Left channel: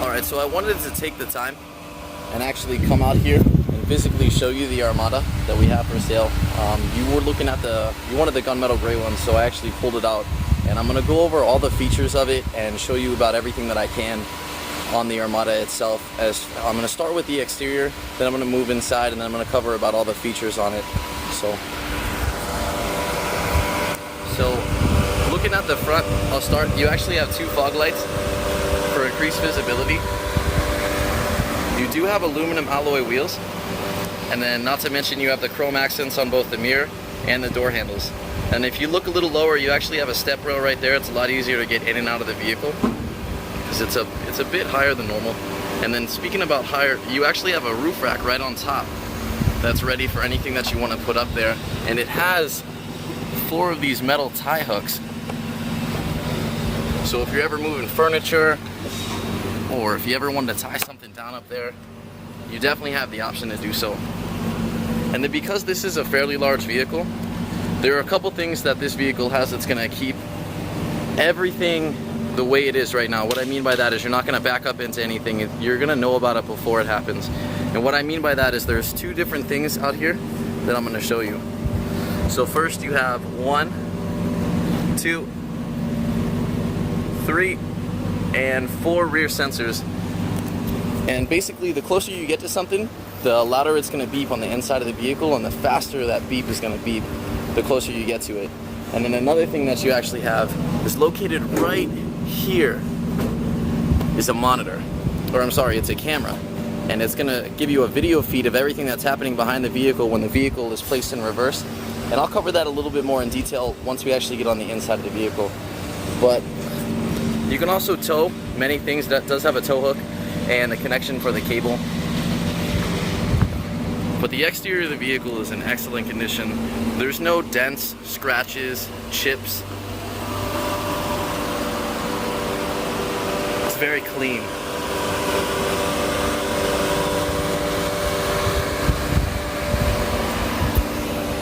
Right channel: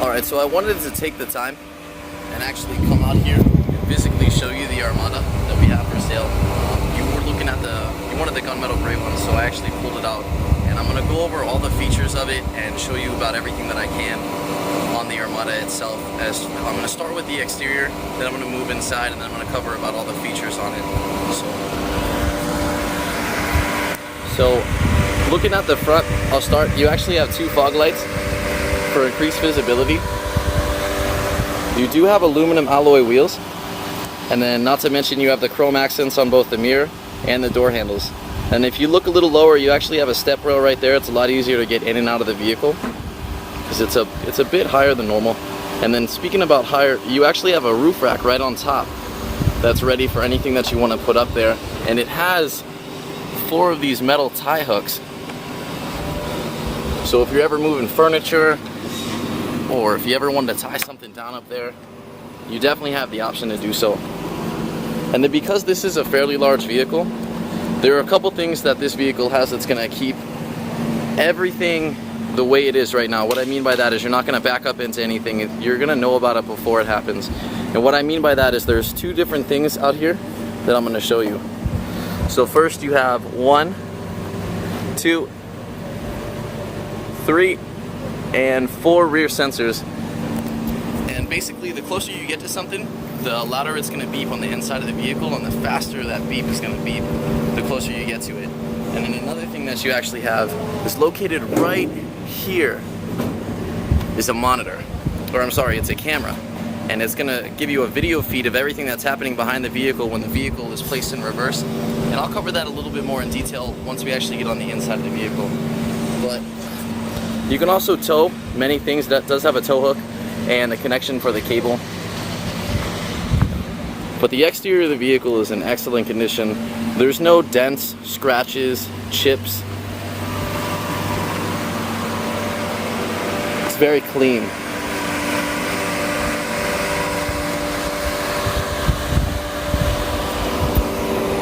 Alright, so I wanted to take the time and actually come out here and physically show you the Armada that we have for sale. You were looking at you wanted the gunmetal gray one, so I actually pulled it out. And I'm going to go over all the features of it and show you about everything that I can on the Armada itself. As I'm going to start with the exterior, then I'm going to move inside, and then I'm going to cover about all the features on it. So looking at the front, I'll start. You actually have 2 fog lights for increased visibility. You do have aluminum alloy wheels, and then not to mention you have the chrome accents on both the mirror and the door handles. And if you look a little lower, you actually have a step rail right there. It's a lot easier to get in and out of the vehicle because it's a bit higher than normal. And then speaking about higher, you actually have a roof rack right on top that's ready for anything that you want to put up there. And it has 4 of these metal tie hooks. So if you're ever moving furniture, or if you ever wanted to tie something down up there, you definitely have the option to do so. And then because this is a fairly large vehicle, there are a couple things that this vehicle has that's going to keep everything the way it is right now. What I mean by that is you're not going to back up into anything. You're going to know about it before it happens. And what I mean by that is there's 2 different things out here that I'm going to show you. So first you have 1, 2, 3, and 4 rear sensors. And basically the closer you get to something, the louder it's going to beep on the inside of the vehicle, and the faster that beep is going to beep the closer you get to it. And then another thing that you actually have is located right here is a monitor, or I'm sorry, it's a camera, and it's going to give you a video feed of everything that's happening behind the vehicle when the vehicle is placed in reverse. And I'll cover that a little bit more in detail once we actually get on the inside of the vehicle. But you can also tow many things. That does have a tow hook and the connection for the cable. But the exterior of the vehicle is in excellent condition. There's no dents, scratches, chips. It's very clean.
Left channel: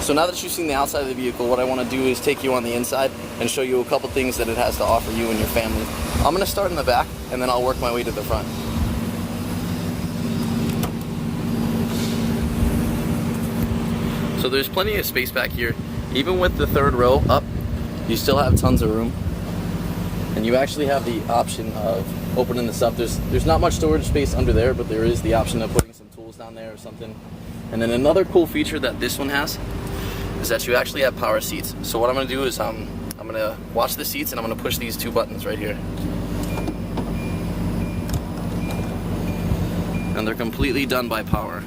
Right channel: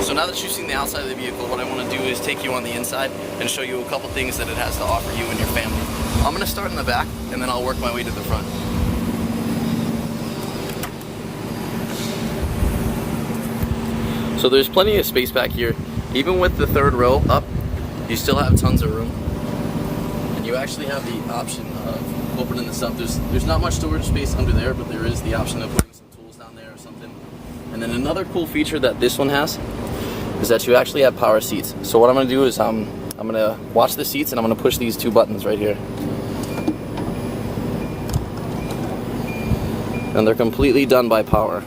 So now that you've seen the outside of the vehicle, what I want to do is take you on the inside and show you a couple things that it has to offer you and your family. I'm going to start in the back, and then I'll work my way to the front. So there's plenty of space back here. Even with the 3rd row up, you still have tons of room. And you actually have the option of opening this up. There's not much storage space under there, but there is the option of putting some tools down there or something. And then another cool feature that this one has is that you actually have power seats. So what I'm going to do is I'm going to watch the seats, and I'm going to push these 2 buttons right here. And they're completely done by power.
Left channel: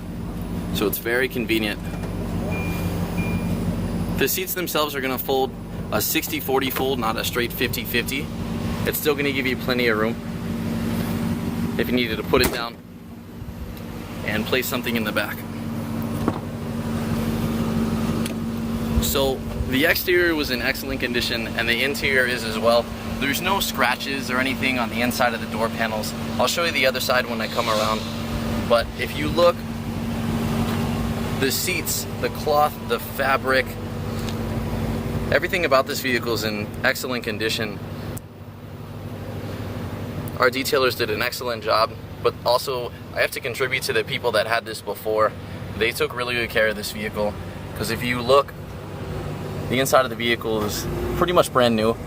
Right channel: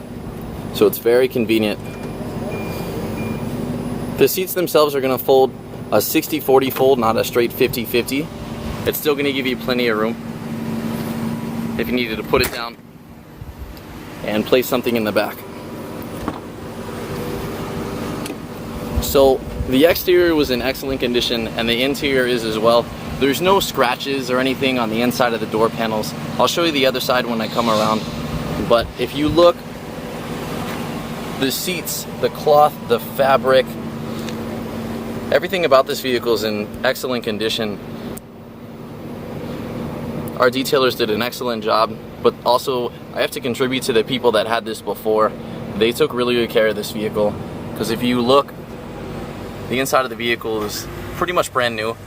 So it's very convenient. The seats themselves are going to fold a 60-40 fold, not a straight 50-50. It's still going to give you plenty of room if you needed to put it down and place something in the back. So the exterior was in excellent condition, and the interior is as well. There's no scratches or anything on the inside of the door panels. I'll show you the other side when I come around. But if you look, the seats, the cloth, the fabric, everything about this vehicle is in excellent condition. Our detailers did an excellent job, but also I have to contribute to the people that had this before. They took really good care of this vehicle, because if you look, the inside of the vehicle is pretty much brand new,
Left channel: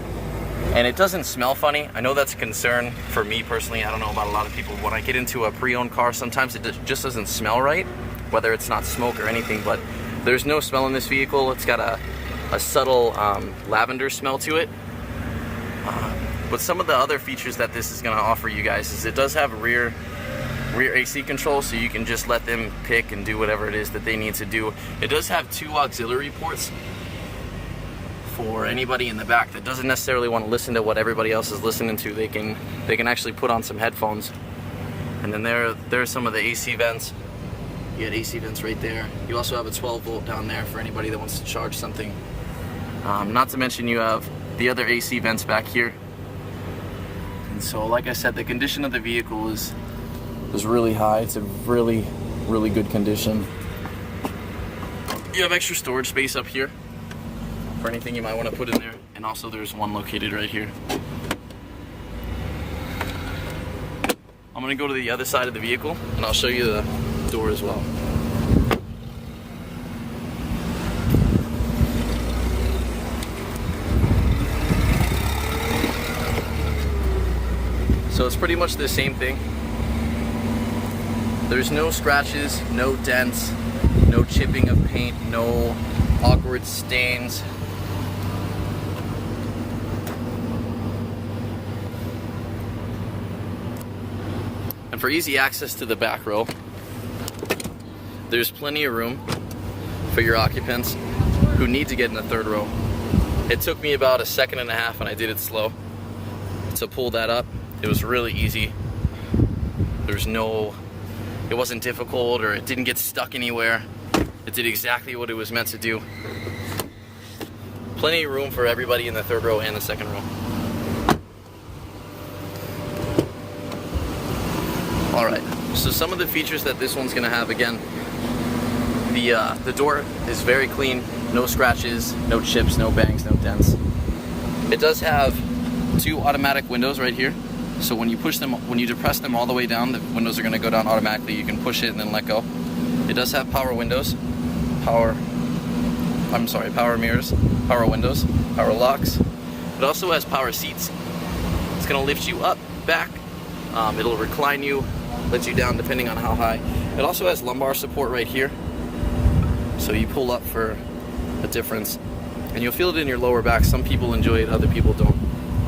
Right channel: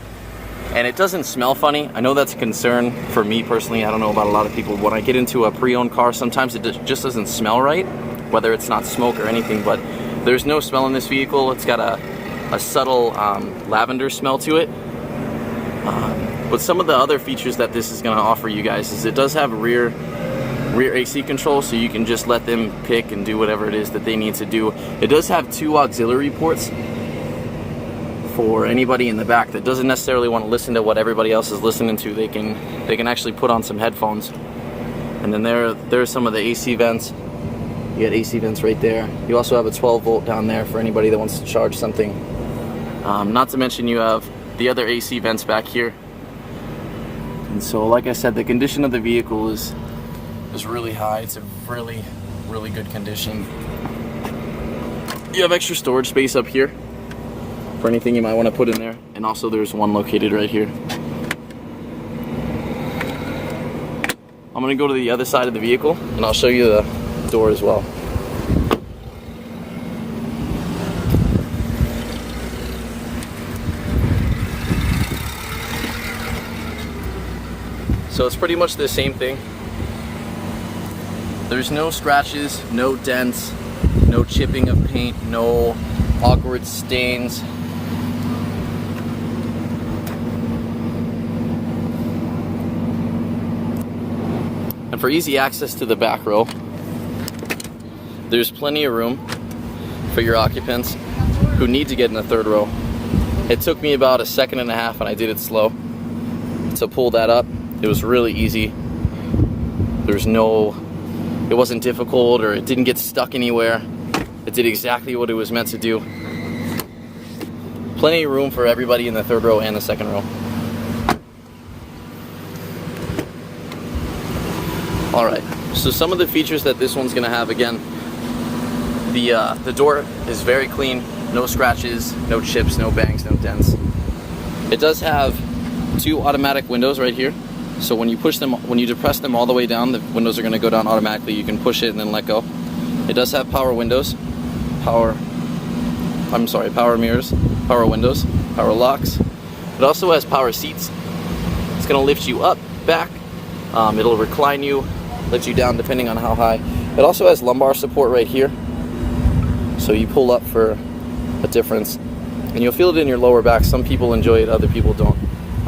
and it doesn't smell funny. I know that's a concern for me personally. I don't know about a lot of people. When I get into a pre-owned car, sometimes it just doesn't smell right, whether it's not smoke or anything, but there's no smell in this vehicle. It's got a subtle lavender smell to it. But some of the other features that this is going to offer you guys is it does have rear AC control, so you can just let them pick and do whatever it is that they need to do. It does have 2 auxiliary ports for anybody in the back that doesn't necessarily want to listen to what everybody else is listening to. They can actually put on some headphones. And then there's some of the AC vents. You got AC vents right there. You also have a 12 volt down there for anybody that wants to charge something. Not to mention you have the other AC vents back here. And so, like I said, the condition of the vehicle is really high. It's a really, really good condition. You have extra storage space up here for anything you might want to put in there. And also there's one located right here. I'm gonna go to the other side of the vehicle and I'll show you the door as well. So it's pretty much the same thing. There's no scratches, no dents, no chipping of paint, no awkward stains. And for easy access to the back row, there's plenty of room for your occupants who need to get in the third row. It took me about 1.5 seconds and I did it slow to pull that up. It was really easy. It wasn't difficult or it didn't get stuck anywhere. It did exactly what it was meant to do. Plenty of room for everybody in the third row and the second row. Alright, so some of the features that this one's gonna have, again, the door is very clean, no scratches, no chips, no bangs, no dents. It does have 2 automatic windows right here. So when you depress them all the way down, the windows are going to go down automatically. You can push it and then let go. It does have power windows, power mirrors, power windows, power locks. It also has power seats. It's going to lift you up, back. It'll recline you, lift you down depending on how high. It also has lumbar support right here. So you pull up for a difference. And you'll feel it in your lower back. Some people enjoy it, other people don't.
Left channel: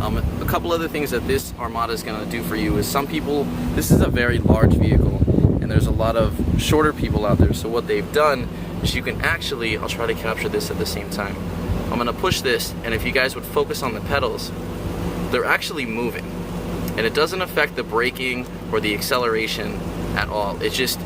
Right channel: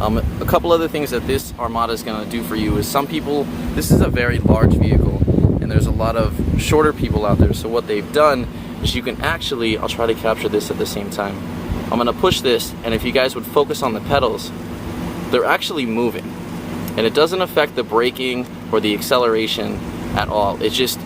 A couple other things that this Armada is going to do for you is this is a very large vehicle and there's a lot of shorter people out there. So what they've done is you can actually, I'll try to capture this at the same time. I'm going to push this, and if you guys would focus on the pedals, they're actually moving. And it doesn't affect the braking or the acceleration at all. It just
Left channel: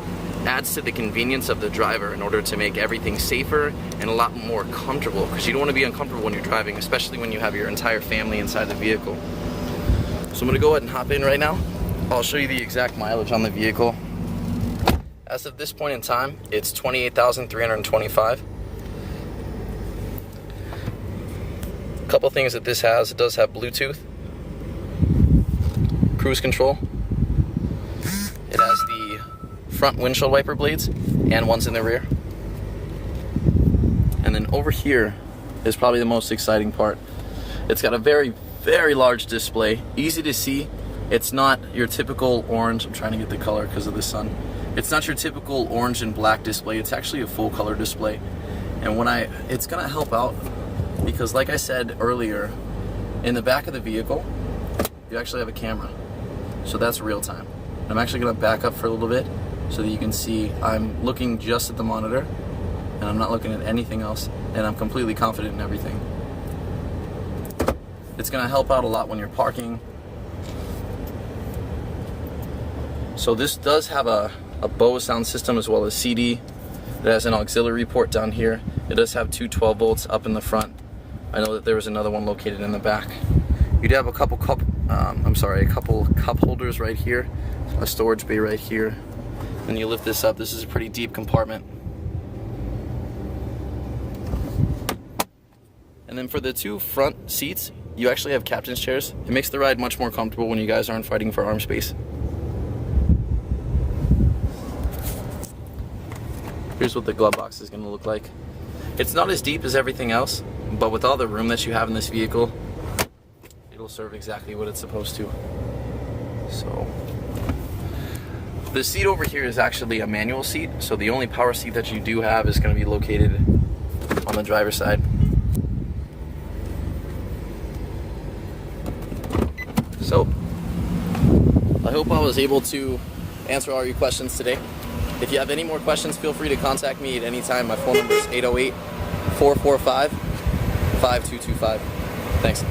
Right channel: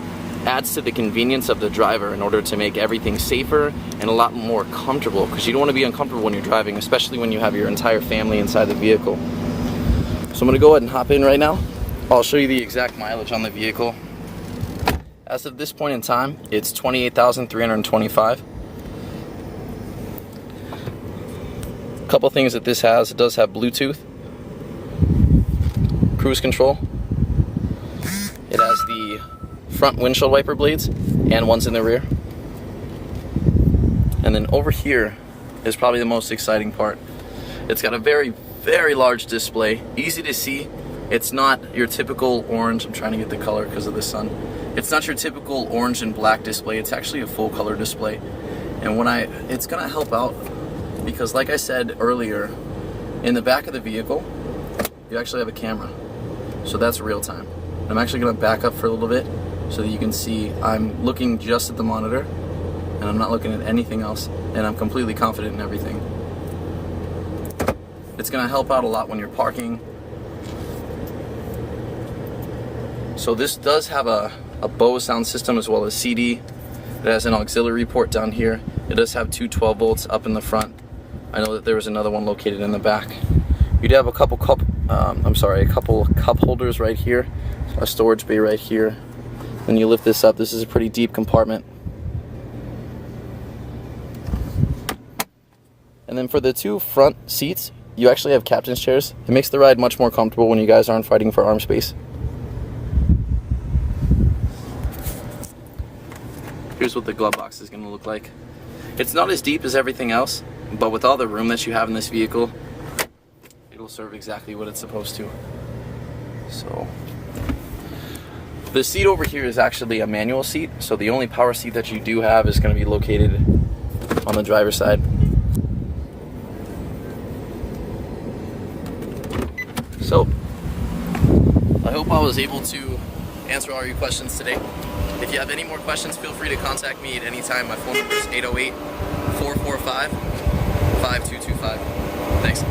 adds to the convenience of the driver in order to make everything safer and a lot more comfortable, because you don't want to be uncomfortable when you're driving, especially when you have your entire family inside the vehicle. So I'm going to go ahead and hop in right now. I'll show you the exact mileage on the vehicle. As of this point in time, it's 28,325. A couple things that this has: it does have Bluetooth, cruise control. It has the front windshield wiper blades and ones in the rear. And then over here is probably the most exciting part. It's got a very, very large display, easy to see. It's not your typical orange. I'm trying to get the color because of the sun. It's not your typical orange and black display. It's actually a full color display. And it's gonna help out because, like I said earlier, in the back of the vehicle, you actually have a camera. So that's real time. I'm actually gonna back up for a little bit so that you can see I'm looking just at the monitor and I'm not looking at anything else, and I'm completely confident in everything. It's gonna help out a lot when you're parking. So this does have a Bose sound system as well as CD. It has an auxiliary port down here. It does have 2 12 volts up in the front. I know that there was another one located in the back. You'd have a couple cup holders right here, a storage bay right here. Then you lift this up. This is a pretty deep compartment. And then for the 2 front seats, you actually have captain's chairs. It makes the ride much more comfortable when you guys aren't fighting for arm space. Here's what the glove box is going to look like. It's not as deep as everything else, but with all the room that you have in this vehicle, it'll serve exactly what it's supposed to. So the seat over here is actually a manual seat, so the only power seat that you do have is going to be located on the driver's side. So I hope I was able to answer all your questions today. If you have any more questions, feel free to contact me at any time. My phone number is 808-445-5225. Thanks.